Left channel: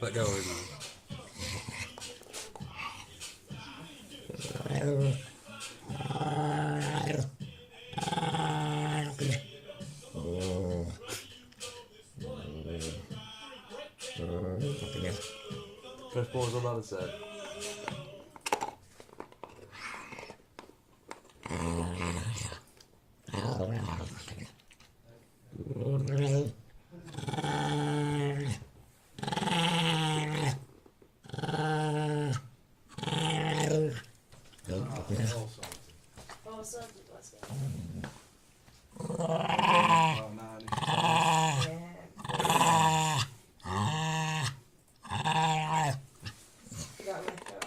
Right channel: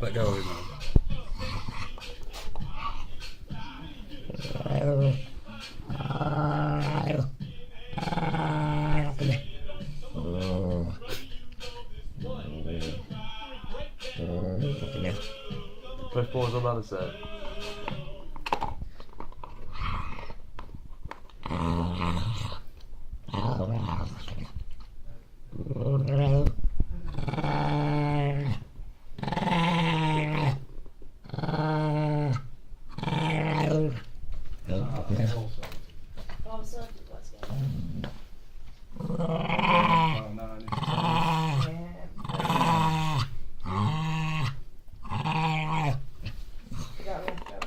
Let go of him. Press pause on that a sec. Oh, so let's go. Got left out.